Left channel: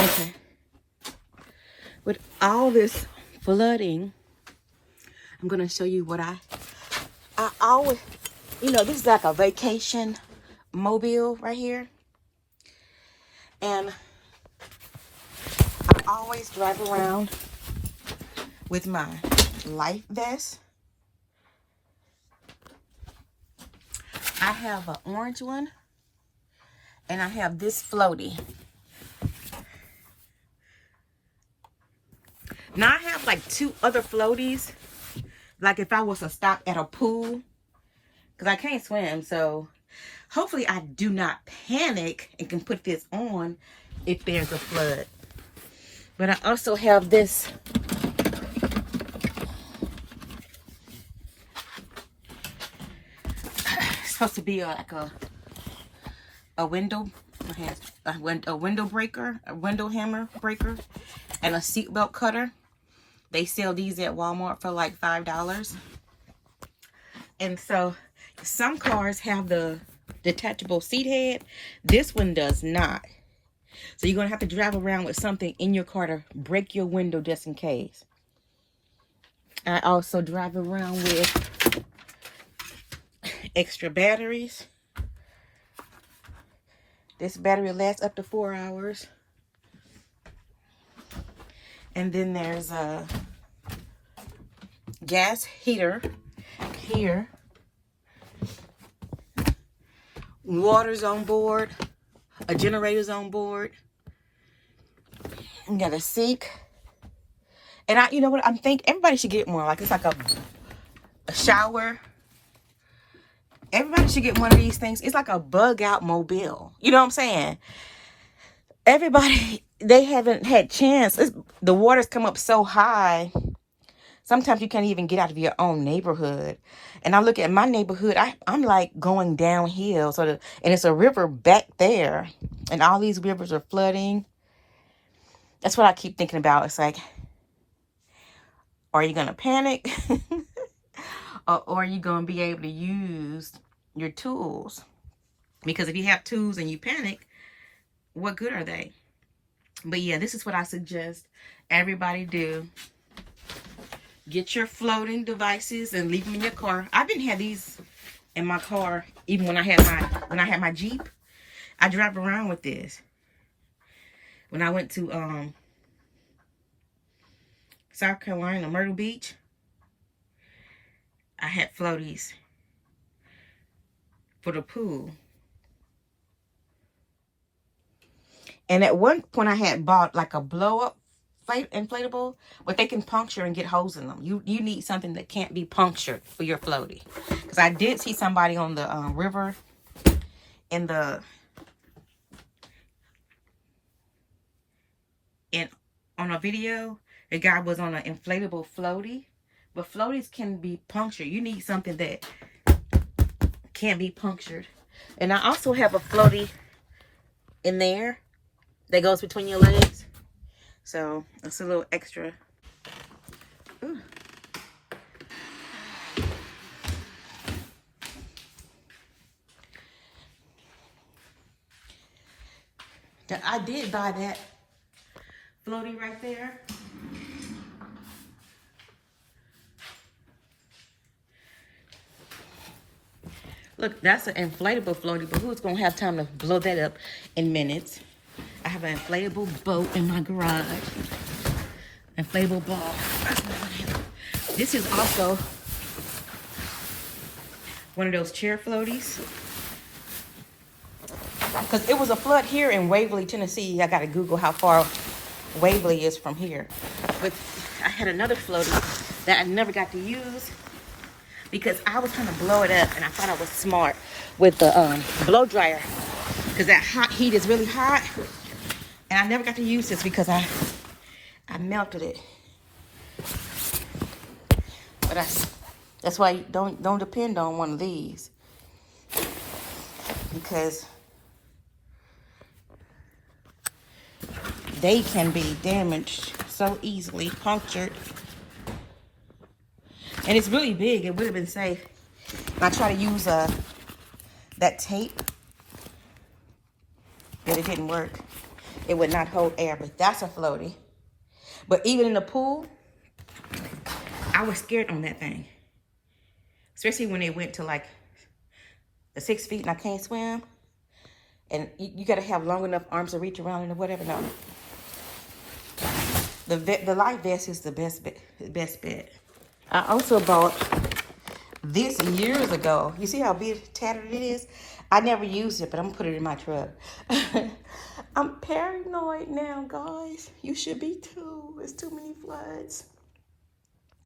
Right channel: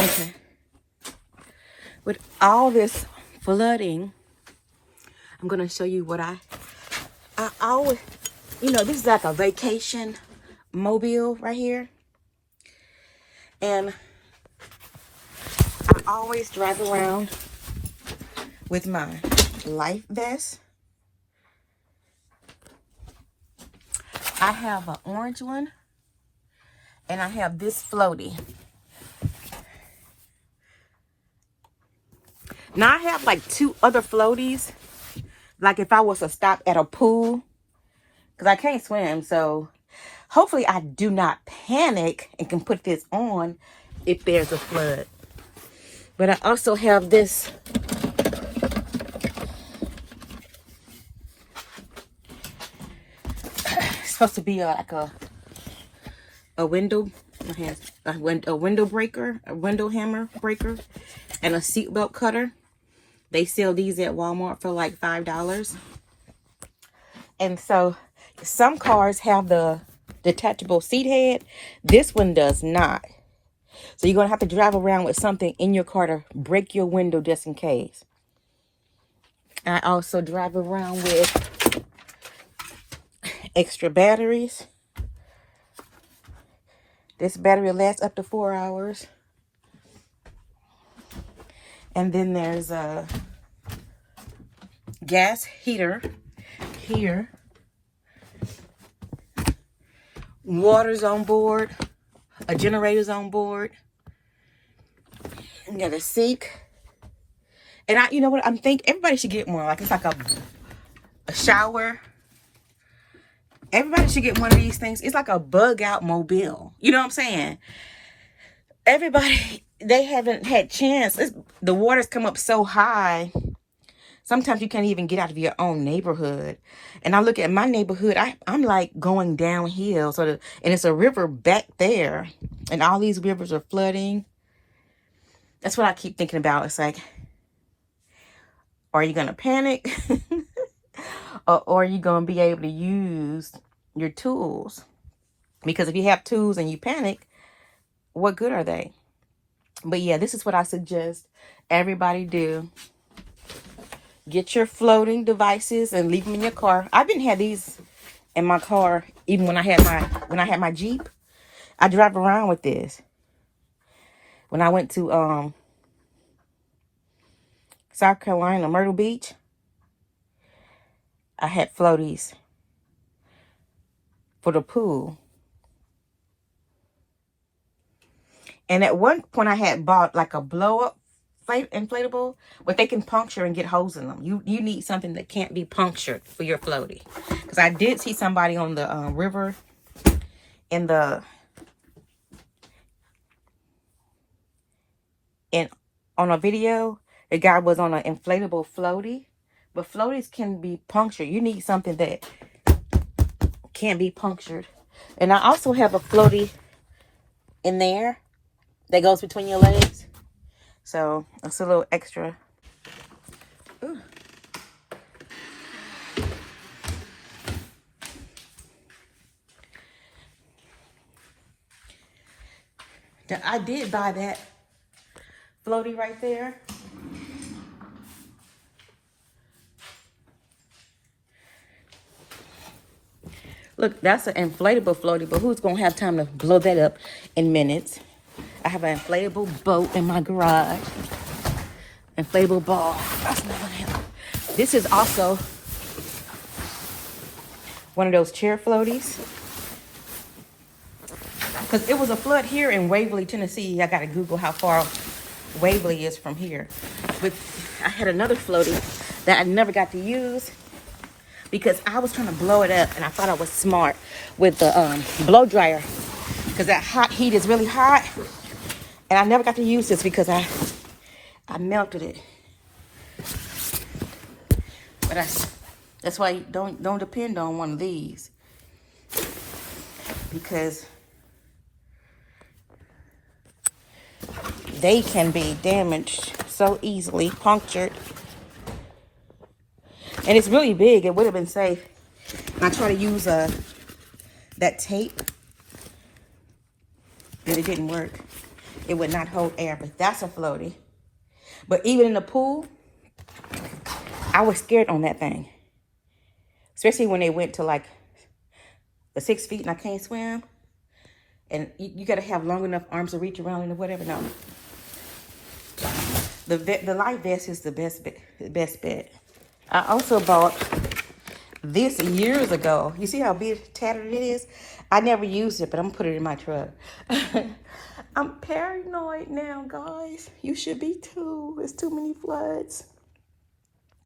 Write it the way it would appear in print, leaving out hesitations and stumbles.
Okay. With all this flooding, I'm gonna show you what I always, this is like a vacation mobile right here. And I always drive around with my life vest. I have an orange one, and I have this floaty. Now I have like 2 other floaties, like if I was to stop at a pool, because I can't swim. So hopefully I do not panic and can put this on if there's a flood. But I also have this it's supposed to be like a window, a window breaker, a window hammer breaker, and a seatbelt cutter. They sell these at Walmart for like $5. And so some cars have the detachable seat head. This one does not. So you're going to have to drive around with something in your car to break your window just in case. I also drive around with extra batteries. This battery lasts up to 4 hours. And then there's a gas heater here. Water's on board. A generator's on board. You got a sink. And you know what? I'm thinking everybody should get one. Like it's like a shower. Everybody should get one of these things. It's like a bug out mobile. You know what I'm saying? Everybody, they haven't had chance. The water's come up so high. Sometimes you can't even get out of your own neighborhood. And I look at my neighborhood, I'm like going downhill. And it's a river back there. And all these rivers are flooding. That's what I keep thinking about. It's like, are you going to panic? or are you going to be able to use your tools? Because if you have tools and you panic, what good are they? But yeah, this is what I suggest everybody do. Get your floating devices and leave them in your car. I've been had these in my car even when I had my Jeep. I drive around with this. When I went to South Carolina, Myrtle Beach, I had floaties for the pool. And at one point I had bought like a blow-up inflatable, but they can puncture and get holes in them. You need something that can't be punctured for your floaty. Because I did see somebody on the river on a video. The guy was on an inflatable floaty, but floaties can be punctured. You need something that can't be punctured. And I also have a floaty in there that goes between your legs. So it's a little extra. Ooh. I did buy that floaty right there. Look, that's an inflatable floaty, but who's going to have time to blow that up in minutes? I have an inflatable boat in my garage. Inflatable ball. This is also one of those chair floaties. Because it was a flood here in Waverly, Tennessee. I got to Google how far Waverly is from here. But I had another floaty that I never got to use because I was trying to blow it up and I thought I was smart with the blow dryer. Because that hot heat is really hot. And I never got to use this because I melted it. But that's why you don't depend on one of these. Because they can be damaged so easily, punctured. And it's really big. It would have been safe. I tried to use that tape, but it didn't work. it would not hold air, but that's a floaty. But even in the pool, I was scared on that thing. Especially when they went to like the 6 feet and I can't swim. And you got to have long enough arms to reach around it or whatever. No. The life vest is the best bet. I also bought this years ago. You see how big tattered it is? I never used it, but I'm going to put it in my truck. I'm paranoid now, guys. You should be too. There's too many floods.